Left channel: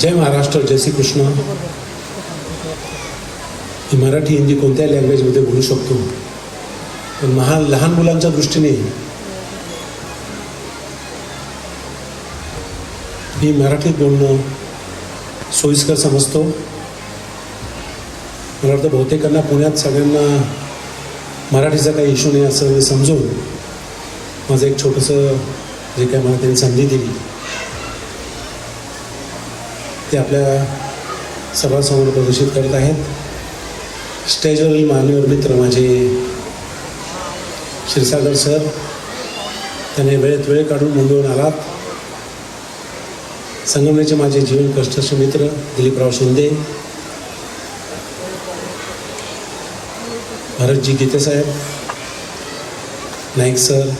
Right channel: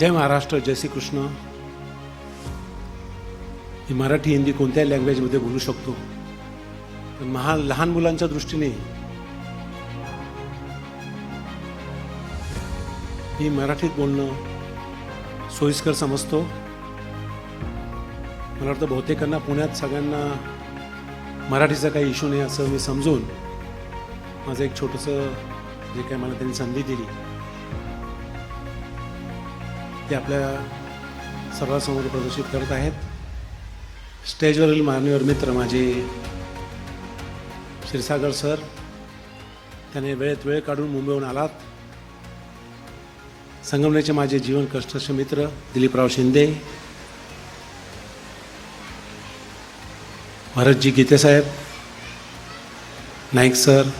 जय महाराष्ट्र जय श्री कृष्ण मराठी हिंदी कोणत्याही लँग्वेजमध्ये बोलू शकतो. पण लहान लहान मुलांच्या दृष्टीने मी मराठीत बोलणं सोयीस्कर समजतो. मला वाटतं बहुतेकांना पुण्यात सगळ्यांना मराठीचा काही इश्यू नाही असं समजून माझं एक छोटंसं जे काय मला त्यांनी संधी दिली. ते आपल्या सभासमोर प्रदर्शित करत आहेत. स्टेजवरील माननीय मित्र माझे क्षीरसागर सर त्याने वेळेत वेळ काढून नोंदवून आलात. संगवण्याचे माझे जीवन कष्टाचे मित्र दिलीपराव शिंदे भरतजी गीतेसाहेब नाईक सर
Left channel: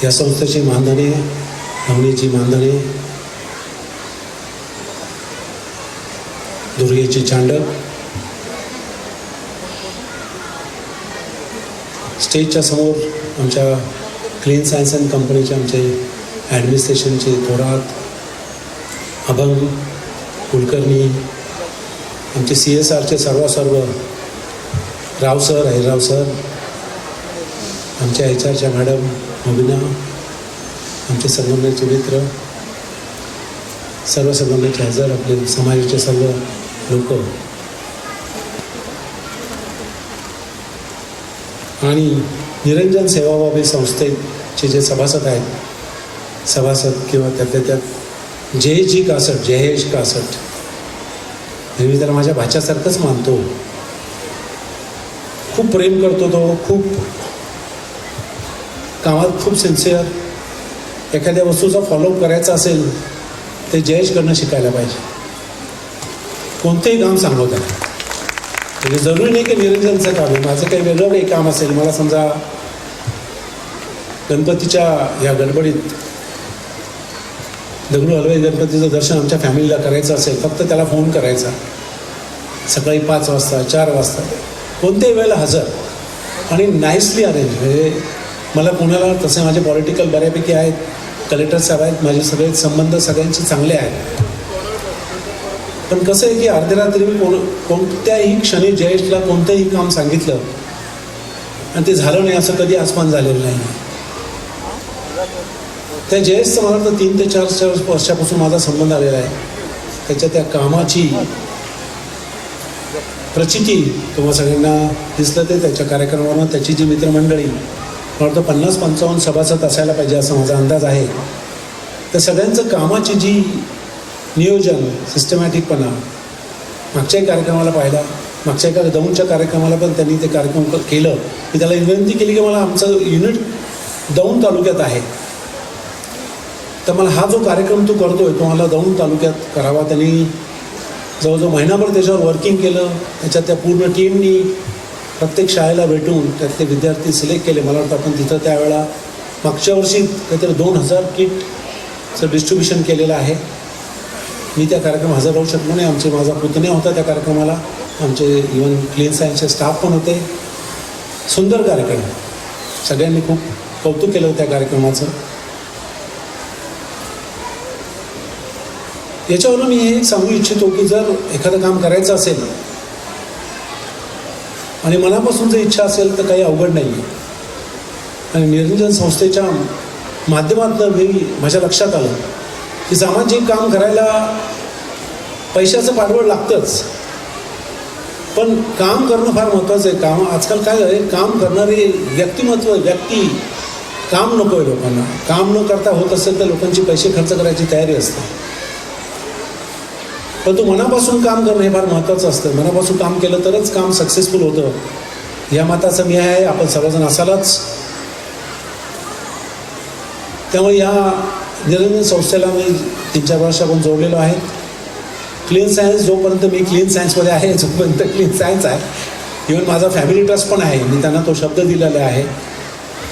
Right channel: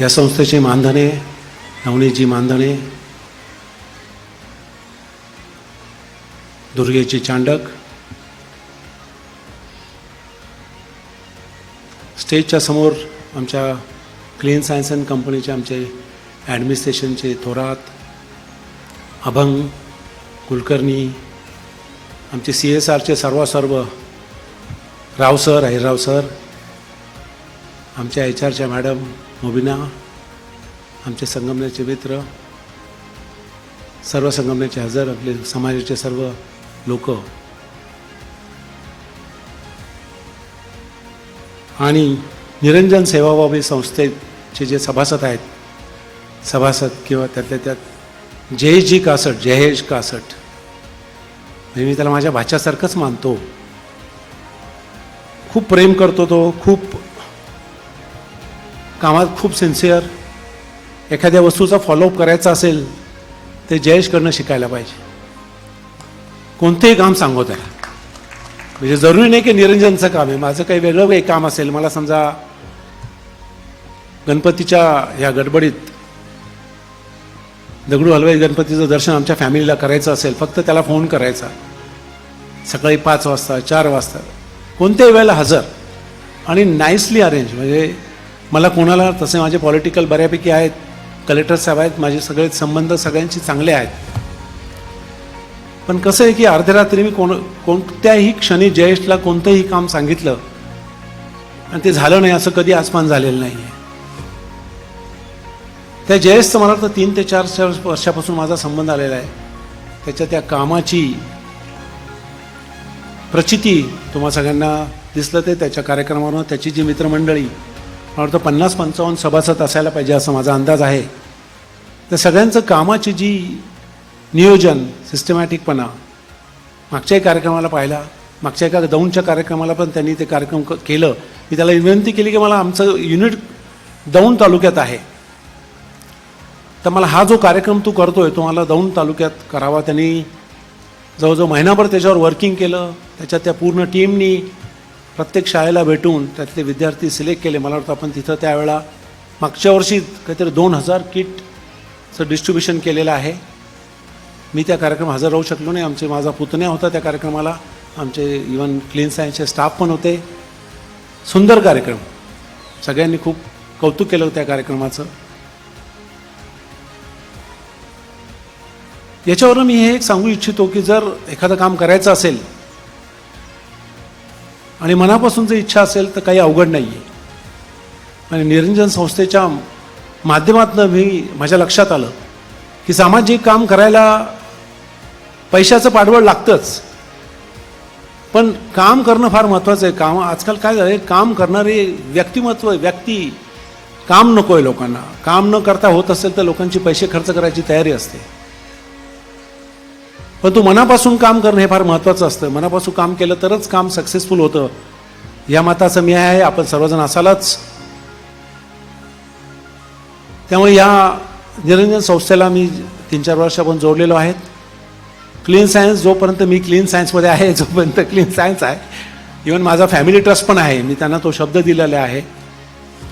या संस्थेचे मानधने नवनीतजी मानधने दुर्गेचे चांडक स्टेजच्या समोर आमच्या क्लीन सायन्स अँड कंपनीचे आमचे ॲडमिनिस्ट्रेशनचे थोरात अभंग कुलकर्णी आमचे सी एस आरचे सर्व सर्व राव सर हैराव सर आमच्या एच आरच्या मॅडम मुबिना आमचे संगमनेरचे चरित्र सर्व संगमनेरचे हजर आपले समाजाचे सर्व लोक आणि निरंजन सेवाभावी संस्थेचे जे सभासद आहेत सभासद किंवा त्यातल्या त्यात जयजी कासट जयेश कासट नेहमी त्याला माझ्या भाच्यासारखंच मानतो. खूप प्रेम करतो तो खूप कामात खूप सिन्सिअर एखाद्या वस्तूचा फॉलोअप करायचा असेल ते जयेशकडनं शिकायला पाहिजे. कोणतेही काम सांगत आहे म्हणजे जरुरी नाही की निरंजनचं काम आहे. माझं काही वेगळं काही काम असेल मला समजा गणपतीच्या या गडबडीत दगडू हलवाई गणपतीचं दर्शन आमच्या फॅमिलीला करायचं असेल फक्त त्याला फोन करायचा. सकाळी पाच वाजता चार वाजता. कोणत्याही वेळेला हजर. आणि नाईसली अरेंज म्हणजे मला कोणाला तसे माझे पॉलिटिकल बऱ्यापैकी आहेत कलेक्टर साहेब आहेत माझे सगळे संबंध सगळ्यांचे चांगले आहेत. पण कसं आहे की अर्ध्या रात्री कोण कोणत्याही क्षणी जयेशला कोणतंही काम सांगितलं आणि ते झालं नाही असं कधी आसमान झालेलं नाही. त्या जयेशचं मला तर तीन ते चार चार वर्षापासून माझा संबंध आलेला आहे. त्याच्या त्या कामाची प्रचिती तुम्हाला सगळ्यांना दिसलं ते त्याच्या कार्यक्रमानं त्याची जी मित्रमंडळी मला वाटतं पन्नास पंचावन्न सभासद असायला पाहिजे असा माझा अंदाज आहे. त्या सगळ्यांचं कामाची जी नियोजन सिस्टमॅटिकपणा मागच्याही कार्यक्रमाला पाहिला. मागच्या एका दौंडच्या कार्यक्रमाला पण त्यांनी ते कार्यक्रम केलं. मी त्याला विनंती केली की मला आमचं युनिट दौंड तालुक्यात आहे. तर मला हा जो कार्यक्रम तू करतोय तो मला दौंड तालुक्यात करावा. त्यांनी जवळजवळ महिनाभर त्याच्यावर वर्किंग केलं. त्याच्यात त्या पूर्ण टीमनी प्रत्येक शाळेला भेटून त्यातले विद्यार्थी सिलेक्ट केले. मला वाटतं आपण तिथं त्यावेळा मागच्या वर्षी काहीतरी दोन हजार किटचं डिस्ट्रीब्युशन केलेलं आहे. मी त्या कार्यक्रमात हजर राहू शकलो नाही. आमचे माझा पुतण्या होता त्या कार्यक्रमाला. आमचे इवन क्लीन सायन्सचे स्टाफ पण होते. सुंदर कार्यक्रम. सगळ्यांनी खूप कौतुक केलं त्या कार्यक्रमाचं. याच्यावरून मी हे सांगू इच्छितो की जर एखादं काम करायचं असेल आणि मनापासून जर इच्छा असेल तर काही अवघड नाही आहे आणि निरंजन संस्थेच्या माध्यमातून मी माझ्या लक्षात आलं की सामाजिक काम करायला पैशाचं पाठबळ लागतंच. पण काम करणं फार महत्त्वाचं आहे. काम आजकाल काय झालं काम करणारी व्यक्तिमत्व आहे. व्यक्ती काम नको आहे लोकांना. काम न करता होत असेल तर लोकांची पैसे खर्च करायची तयारी असते. पण मनापासून काम करणं हे फार महत्त्वाचं असतं. मनापासून काम केलं तरच काम सक्सेसफुल होतं. या मताचं मी आहे. आपण सर्वजण असालच. त्यामुळे या निरंजन संस्थेला मी तीन चार वर्षापासून जोडलेलो आहे. क्लीन सायन्स जोपर्यंत मी क्लीन सायन्समध्ये आहे जोपर्यंत क्लीन सायन्स आहे. इवन माझा फॅमिली ट्रस्ट पण आहे. मी त्यांना तो शब्द दिलेला आहे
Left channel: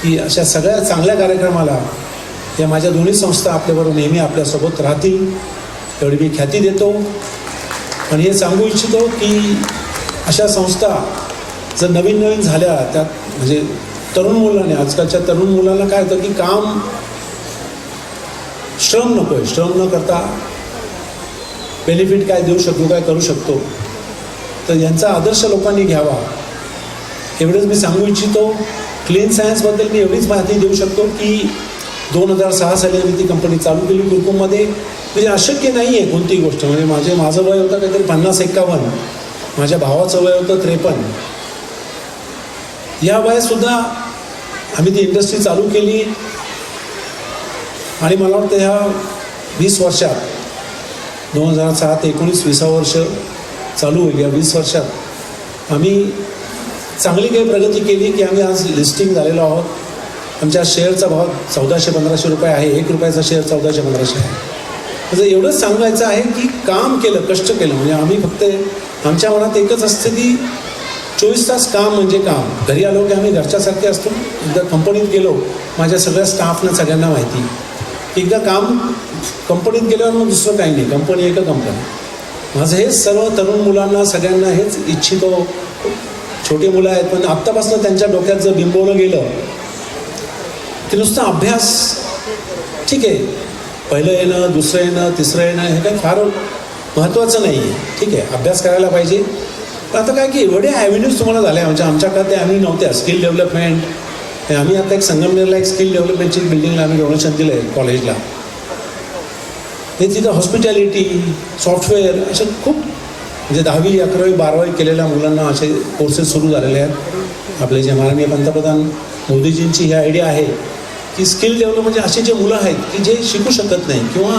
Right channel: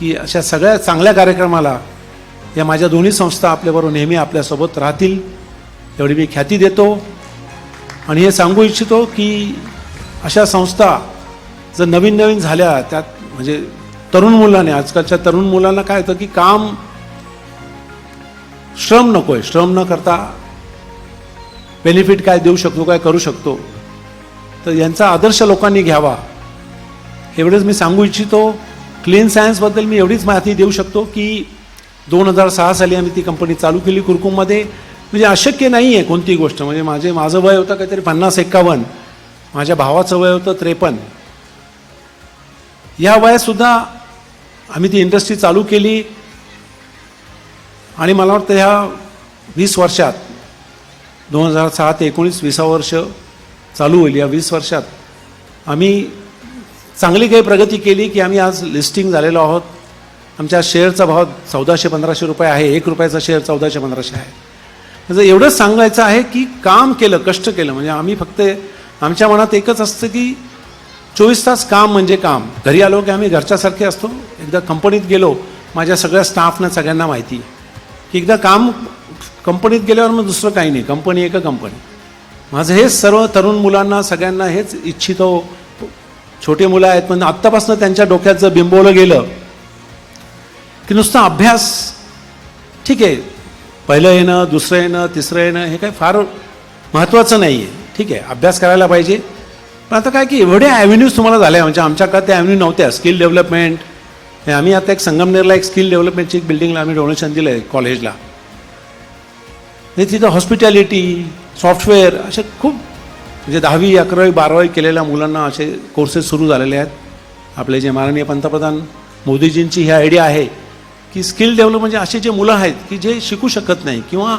की अशा सगळ्या चांगल्या कार्यक्रमाला या माझ्या दोन्ही संस्था आपल्याबरोबर नेहमी आपल्यासोबत राहतील. एवढी मी ख्याती देतो. आणि हे सांगू इच्छितो की अशा संस्था जर नवीन नवीन झाल्या त्यात म्हणजे तरुण मुलाने आजकालच्या तरुण मुलांना काय होतं की काम श्रम नको आहे श्रम न करता बेनिफिट काय देऊ शकतो काय करू शकतो? तर यांचा आदर्श लोकांनी घ्यावा. एवढंच मी सांगू इच्छितो क्लीन सायन्सबद्दल मी एवढीच माहिती देऊ शकतो की दोन हजार सहा साली आम्ही ती कंपनी चालू केली कुरकुममध्ये. म्हणजे अशक्य नाही आहे कोणती गोष्ट. म्हणजे माझे माझं वय होतं काहीतरी पन्नास एक्कावन्न. माझ्या भावाचं वय होतं त्रेपन्न. या वयातसुद्धा आम्ही ती इंडस्ट्री चालू केली. आणि मला वाटतं ह्या वीस वर्षात दोन हजार सहा ते एकोणीस विसा वर्ष चालू होईल. या वीस वर्षात आम्ही चांगली काही प्रगती केली की आम्ही आज लिस्टिंग झालेलो आहोत. आमच्या शेअरचा भाव चौदाशे पंधराशे रुपये आहे. एक रुपयाचा शेअर चौदाशे पंधराशे आहे. त्याचं एवढंच सांगायचं आहे की काम केलं कष्ट केलं. म्हणजे आम्ही फक्त आमच्या मनात एकच असतं की चोवीस तास काम म्हणजे काम. घरी आलो की आम्ही घरच्यासारखे असतो. एकदा कंपनीत गेलो माझ्या सगळ्या स्टाफनं सगळ्यांना माहिती. एकदा काम कंपनीत गेल्यावर मग दुसरं काही नाही. कंपनी एक कंपनी. माझं हेच सर्व तरुण मुलांना सगळ्यांना हेच इच्छितो. छोटे मुलं आहेत पण आत्तापासून त्यांच्या डोक्याचं बिंबवलं गेलं. की नुसतं अभ्यास ठीक आहे. पहिलं येणं दुसरं येणं तिसरं येणं हे काही फार महत्त्वाचं नाही आहे ठीक आहे अभ्यास करायला पाहिजे. पण आता काय की एवढ्या ॲव्हेन्यूज तुम्हाला झाल्या म्हणजे आमच्याकडे त्या ॲव्हेन्यू नव्हत्या स्किल डेव्हलपमेंट. आम्ही आता एक संगमनेरला एक स्किल डेव्हलपमेंटची बिल्डिंगला आम्ही डोनेशन दिलं आहे कॉलेजला हे तिथं हॉस्पिटॅलिटी सॉफ्टवेअर असे खूप म्हणजे दहावी अकरावी बारावी केलेल्या मुलांना असे कोर्सेस सुरू झालेले आहेत. आपले जे माननीय पंतप्रधान मोदीजींची ही आयडिया आहे की स्किल डेव्हलप म्हणजे असे जे मुलं आहेत की जे शिकू शकत नाही किंवा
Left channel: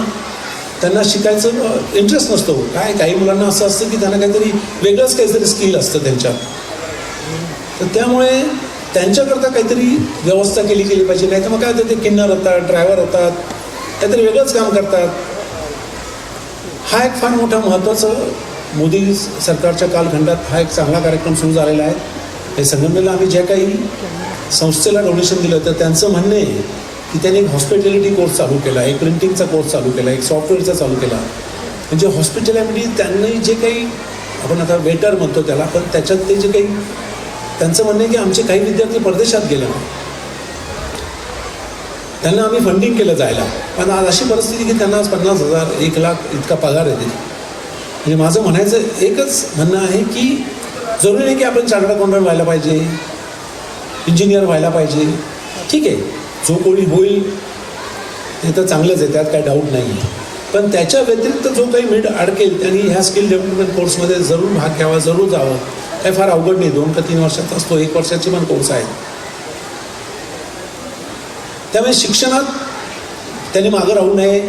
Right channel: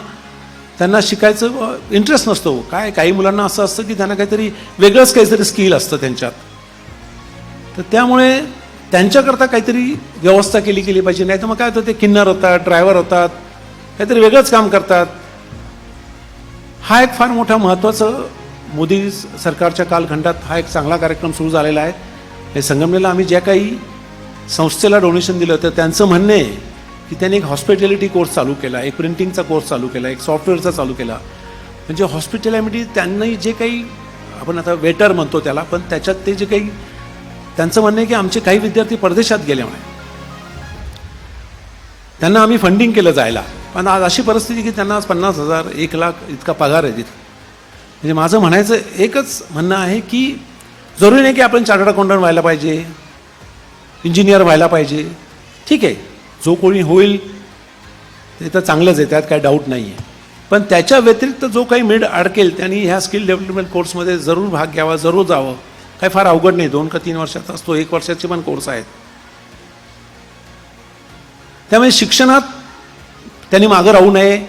त्यांना शिकायचं इंटरेस्ट नसतो. काय काही मुलांना असं असतं की त्यांना काहीतरी वेगळंच काहीतरी स्किल असतं त्यांच्यात. तर त्यामुळे त्यांच्याकरता काहीतरी व्यवस्था केली गेली पाहिजे. नाही तर मग काय होतं ते किन्नर होतात ड्रायव्हर होतात काहीतरी वेगळंच काम करतात. हा एक फार मोठा महत्त्वाचं मोदी सरकारच्या कालखंडात हा एक चांगला कार्यक्रम सुरू झालेला आहे. हे संगमनेरला आम्ही ज्या काही संस्थेला डोनेशन दिलं तर त्यांचं म्हणणं आहे की त्यांनी एक हॉस्पिटॅलिटी कोर्स चालू केला एक प्रिंटिंगचा कोर्स चालू केला एक सॉफ्टवेअरचा चालू केला. म्हणजे हॉस्पिटॅलिटी त्यांनी जे काही आपण आता वेटर म्हणतो त्याला पण त्याच्यात ते जे काही त्यांचं म्हणणं आहे की आमचे काही विद्यार्थी परदेशात गेल्यामुळे त्यांना आम्ही फंडिंग केलं जायला. आणि आज अशी परिस्थिती की त्यांना पन्नास हजार एक लाख इतका पगार आहे. म्हणजे माझं म्हणायचं एकच म्हणणं आहे की जरुरी नाही की आपण चार्टर्ड अकाउंटंट व्हायला पाहिजे इंजिनियर व्हायला पाहिजे. ठीक आहे जो कोणी होईल ते तर चांगलंच आहे त्यात काय डाऊट नाही आहे पण त्याच्या व्यतिरिक्त जो काही मिड अडकेल त्यांनी ह्या स्किल डेव्हलपमेंट कोर्समध्ये जरूर भाग घ्यावा जरूर जावं. काही फार अवघड नाही दोन का तीन वर्षाचा असतो एक वर्षाचे पण कोर्स आहेत. त्यामुळे शिक्षणात त्यांनी मागं राहू नये.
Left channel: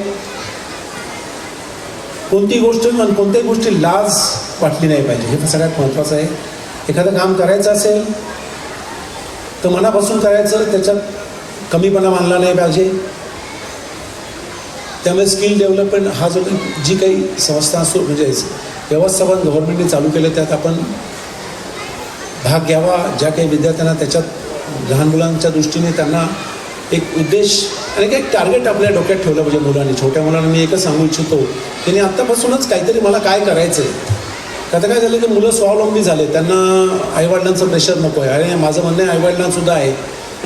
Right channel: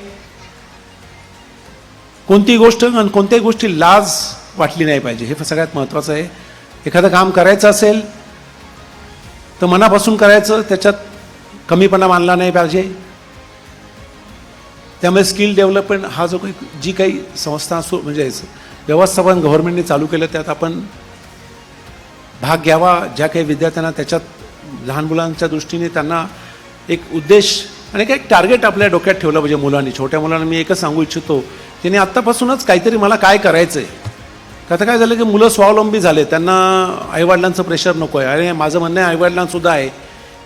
कोणती गोष्ट आणि कोणत्याही गोष्टी लाज वाटली नाही पाहिजे. हे तर सगळ्यात महत्त्वाचं आहे. एखादं काम करायचं असेल तर मनापासून करायचं त्याच्यात कमीपणा मानला नाही पाहिजे. त्यामुळे स्किल डेव्हलपमेंट हा जो जी काही संस्था असो म्हणजे व्यवस्थापन गव्हर्नमेंटने चालू केलं त्यात आपण भाग घ्यावा. ज्या काही विद्यार्थ्यांना त्याच्यात लहान मुलांच्या दृष्टीने त्यांना एक उद्देश आणि काही टार्गेट आपल्या डोक्यात ठेवलं पाहिजे मुलांनी. छोट्या मुलांना मी एकच सांगू इच्छितो त्यांनी आत्तापासूनच काहीतरी मला काय करायचं आहे आता काय झालं की मुलं स्वावलंबी झाले त्यांना आईवडिलांचं प्रेशर नको आहे. अरे माझं म्हणणं आहे आईवडिलांसुद्धा आहे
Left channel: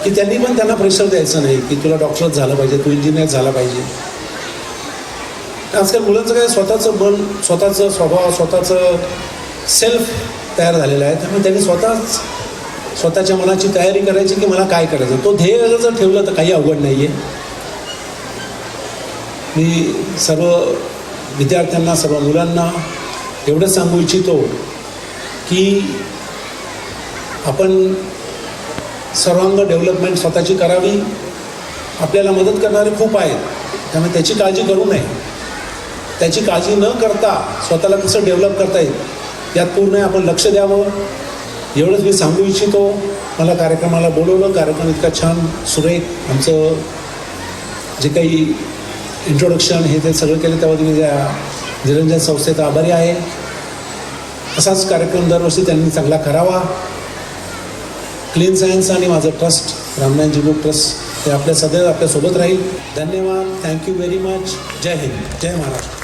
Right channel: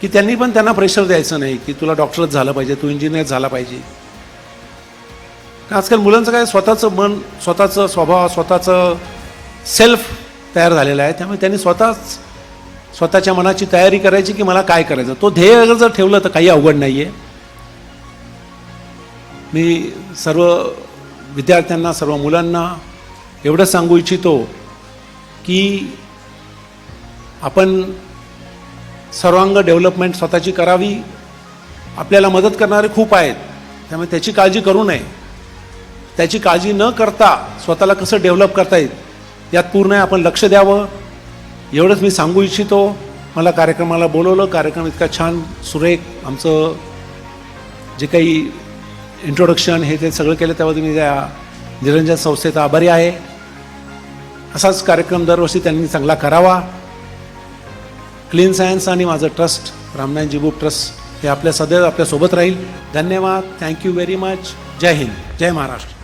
की त्यांनी पण त्यांना प्रेशर द्यायचं नाही की तुला डॉक्टरच झालं पाहिजे तू इंजिनियर झाला पाहिजे. आजकाल मुलांचं काय स्वतःचं मन स्वतःचं स्वभाव स्वतःचं सेल्फ तयार झालेलं आहे. त्यामुळे त्यांनी स्वतःच स्वतःच्या मनाची तयारी करायची की मला काय करायचं? तो ध्येय जर ठेवलं तर काही अवघड नाही आहे मी सर्व विद्यार्थ्यांना सर्व मुलांना एवढंच सांगू इच्छितो की आपण सर्वांग डेव्हलपमेंट स्वतःची करावी. आपल्याला मदत करणारे खूप आहेत. त्यामुळे त्याची काळजी करू नये. त्याची काळजी न करता स्वतःला कसं डेव्हलप करता येईल यात पूर्ण आपण लक्ष द्यावं. एवढंच मी सांगू इच्छितो. मला कार्यक्रमाला बोलवलं. कार्यक्रम इतका छान सुरेख आमचं जे काही इंट्रोडक्शन हे ते सगळं केलं. त्याबद्दल मी त्या निरंजन संस्थेचा आभारी आहे. असाच कार्यक्रम दरवर्षी त्यांनी चांगला करावा. क्लीन सायन्स आणि माझं ट्रस्ट रामनायन बुक ट्रस्ट हे आपल्या सदैव आपल्यासोबत राहील. धन्यवाद. Thank you very much Jai Hind. Jai Maharashtra.